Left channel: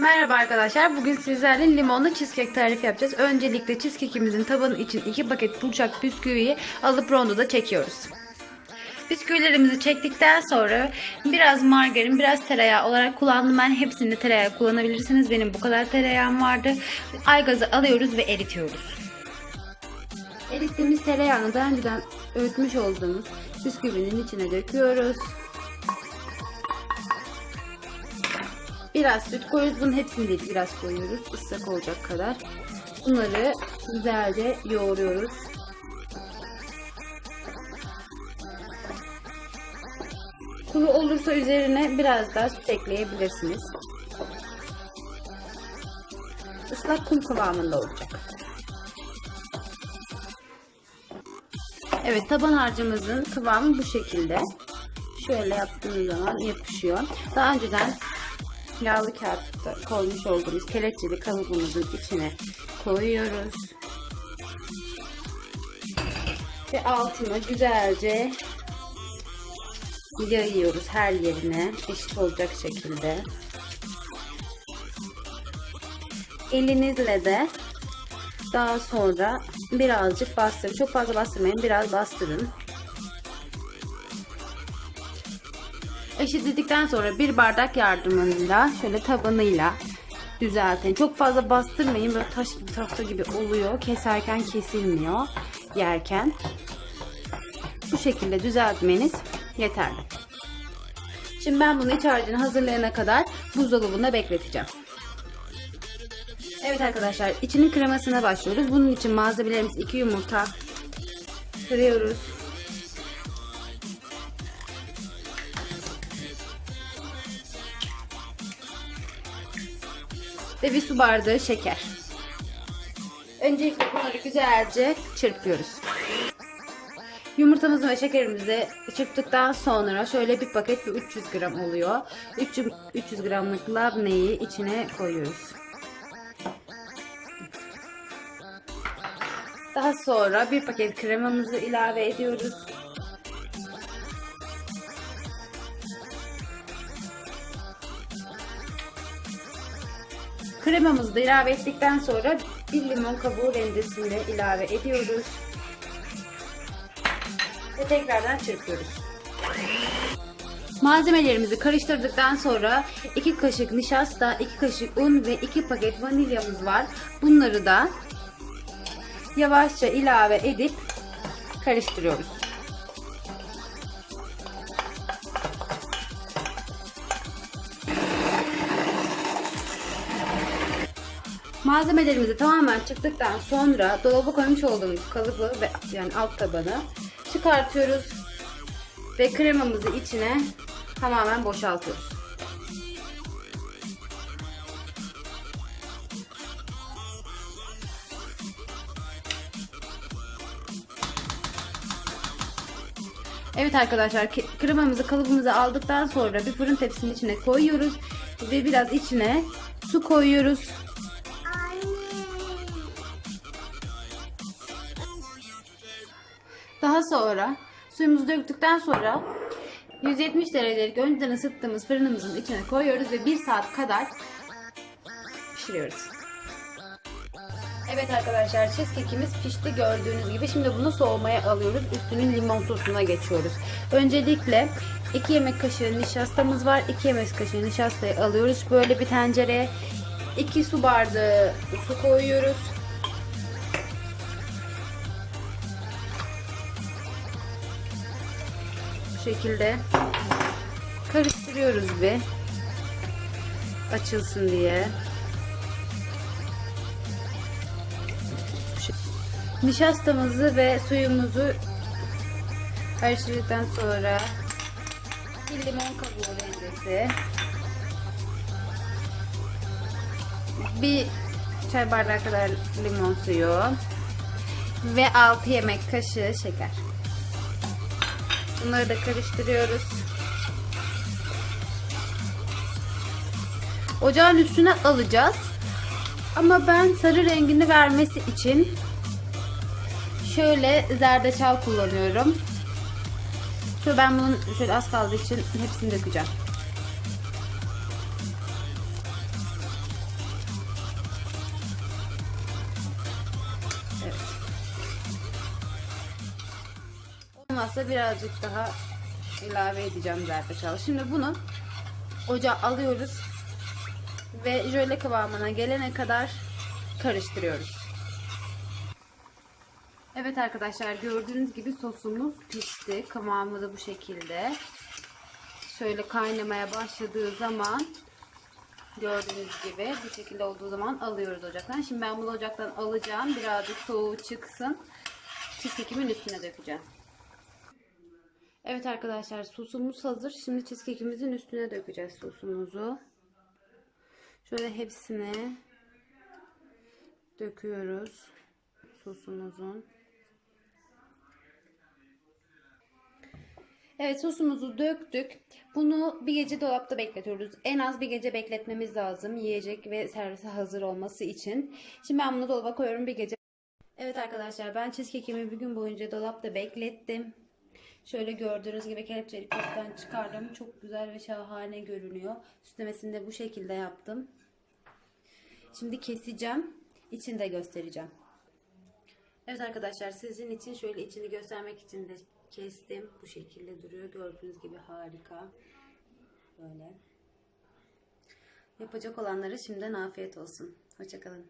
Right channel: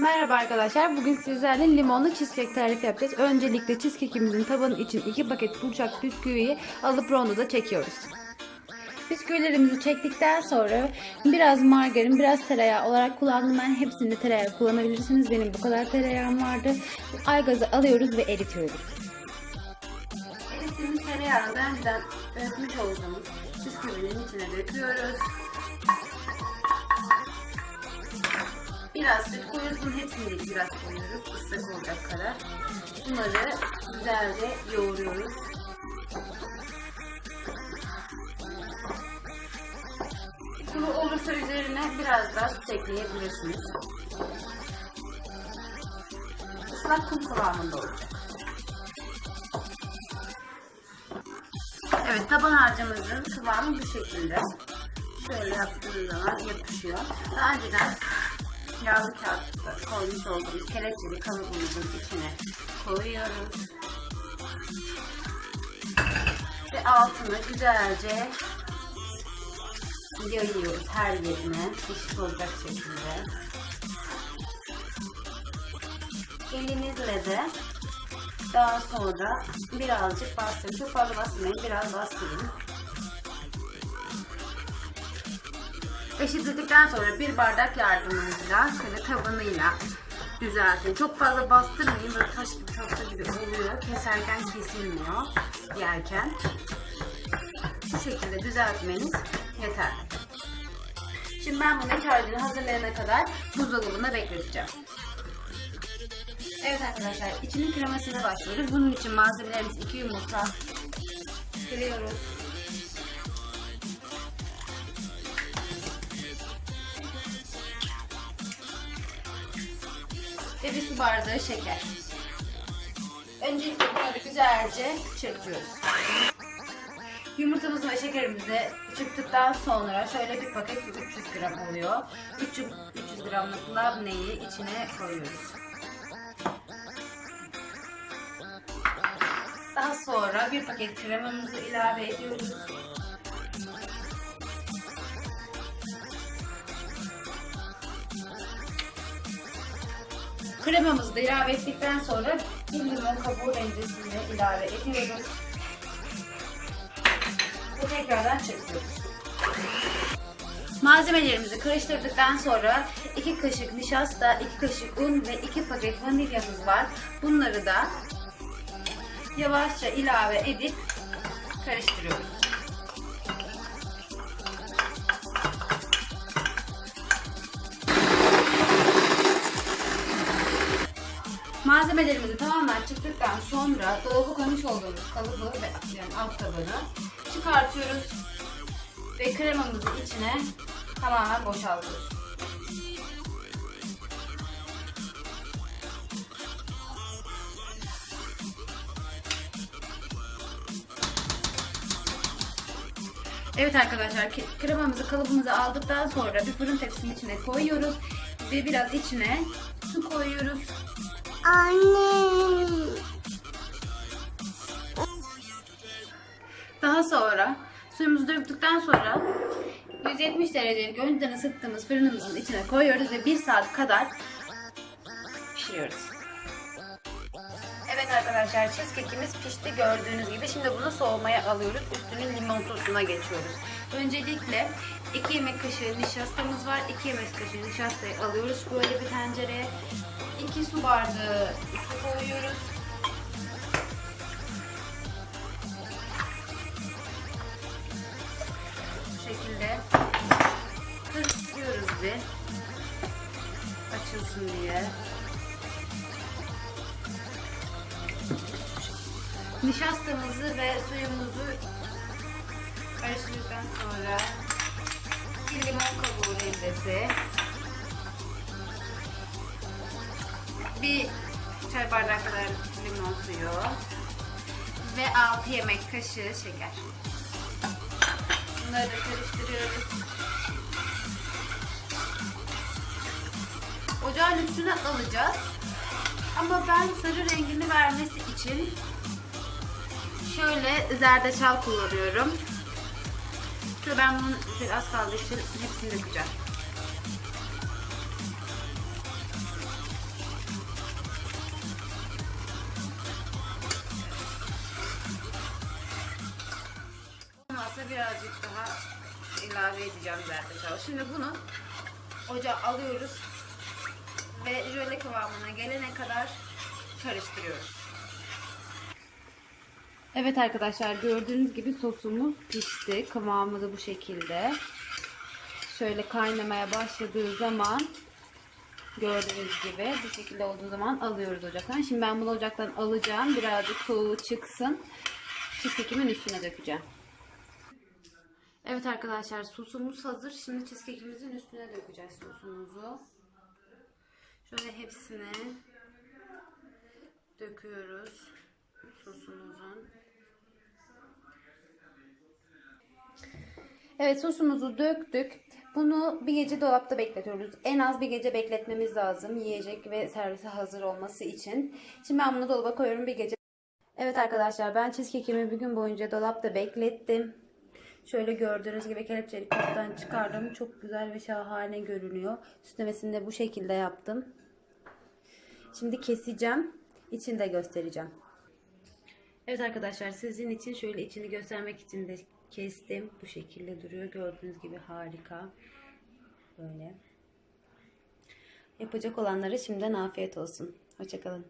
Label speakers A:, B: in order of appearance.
A: Merhaba arkadaşlar. Bugün sizlerle limonlu cheesecake tarifi yapacağız. Öncelikle cheesecake'imizin tabanı için 2 paket burçak bisküviyi alıp rondoda çekiyoruz. Bisküvilerimizi çektikten sonra biraz margarin, biraz tereyağı olarak kullandım. Ben hepsini tereyağı kullanabilirsiniz. Benim bu kadar tereyağım vardı. Aygazı alıyoruz ve eritiyoruz. Erittiğimiz tereyağını daha önceden öğütmüş olduğumuz bisküvinin içine döküyoruz. Biraz süt koyuyoruz. Bunun hepsini değil biraz koyuyoruz. Islak olacak kadar. Bunları güzelce yoğuruyoruz. Kuru olursa üzerine biraz daha süt ekleyebilirsiniz. Islak kum kıvamında olacak. Evet taban harcımızın kıvamı bu şekilde. Şöyle yaptığımız zaman yapışıyor. Daha önceden yağlı kağıtta koymuş olduğumuz kelepçeli kalıbımızın içine koyuyoruz. Ve altına güzelce yayıyoruz her yerine eşit olacak şekilde. Elinizle de daha sonra birazcık bastırın. Çok fazla bastırmayın. Biraz bastırın. Eşitledikten sonra bir bardak yardımıyla şöyle tabanıyla düzeltin. Çok fazla bastırmayın. Böyle taş gibi tahta gibi oluyor. Keserken kesilmiyor. Yerken. Bu şekilde düzeltmeniz yeterli. Şimdi ben bunu iç hazırlayana kadar buzdolabında bekleteceğim. Evet arkadaşlar içinin kremasına başlıyoruz. Bunun için malzemelerimiz 2 yumurta kırıyoruz. Ve bir su bardağı şeker. Öncelikle bunları güzelce çırpıyoruz. Yumurtamızı ve şekerimizi çırptıktan sonra şöyle bir paket bir 300 gram oluyor. 300, 300 gramlık labneyi içine koyuyoruz. Daha sonra bir paket kremamızı ilave ediyoruz. Kremamızı da ilave ettikten sonra bir limon kabuğu rendesini ilave ediyoruz. Ve tekrardan çırpıyoruz. Malzemelerimizi karıştırdıktan sonra 2 kaşık nişasta, 2 kaşık un ve 2 paket vanilyamız var. Bunları da yavaşça ilave edip karıştırıyoruz. Malzemelerimizi tamamen çıktıktan sonra dolaba koymuş olduğumuz kalıbı ve yani alt tabanı çıkartıyoruz ve kremamızı içine tamamen boşaltıyoruz. Evet arkadaşlar kremamızı kalıbımıza aldıktan sonra bir fırın tepsinin içine koyuyoruz ve biraz içine su koyuyoruz.
B: Anne.
A: Daha sonra suyumuzu döktükten sonra 170 derecelik önceden ısıttığımız fırınımızın içine koyuyoruz ve 1 saat kadar pişiriyoruz. Evet arkadaşlar cheesecake'imiz pişti gördüğünüz gibi. Şimdi bunu soğumaya alıyoruz. Üstünün limon sosuna geçiyoruz. Öncelikle 2 yemek kaşığı nişastamız var. 2 yemek kaşığı nişastayı alıyoruz. Böyle bir tencereye 2 su bardağı su koyuyoruz. Bu şekilde karıştırıyoruz bir açılsın diye. Nişastamızı ve suyumuzu karıştırdıktan sonra bir limon kabuğu rendesi bir çay bardağı kadar limon suyu ve 6 yemek kaşığı şeker. Bunları da karıştırıyoruz. Ocağın üstüne alacağız. Ama ben sarı rengini vermesi için şöyle zerdeçal kullanıyorum. Şöyle ben bunun şöyle az kaldığı için hepsini dökeceğim. Birazcık daha ilave edeceğim zerdeçal. Şimdi bunu ocağa alıyoruz ve jöle kıvamına gelene kadar karıştırıyoruz. Evet arkadaşlar gördüğünüz gibi sosumuz pişti. Kıvamı da bu şekilde. Şöyle kaynamaya başladığı zaman gördüğünüz gibi bu şekilde olduğu zaman alıyoruz ocaktan. Şimdi ben bunu ocaktan alacağım. Birazcık soğuğu çıksın. Cheesecake'imin üstüne dökeceğim. Evet arkadaşlar sosumuz hazır. Şimdi cheesecake'imizin üstüne dökeceğiz sosumuzu. Şöyle hepsini döküyoruz sosumuzun. Evet sosumuzu döktük. Bunu bir gece dolapta bekletiyoruz. En az bir gece bekletmemiz lazım yiyecek ve servise hazır olması için. Şimdi ben bunu dolaba koyuyorum bir gece. Evet arkadaşlar ben cheesecake'imi bir gün boyunca dolapta beklettim. Şöyle gördüğünüz gibi kelepçeli kaptan çıkardım. Çok güzel ve şahane görünüyor. Süslemesini de bu şekilde yaptım. Şimdi keseceğim. İçini de göstereceğim. Evet arkadaşlar sizin için şöyle içini göstermek için de kestim. Bu şekilde duruyor. Gördüğünüz gibi harika. Böyle. Yapacak olanlara şimdiden afiyet olsun. Hoşçakalın.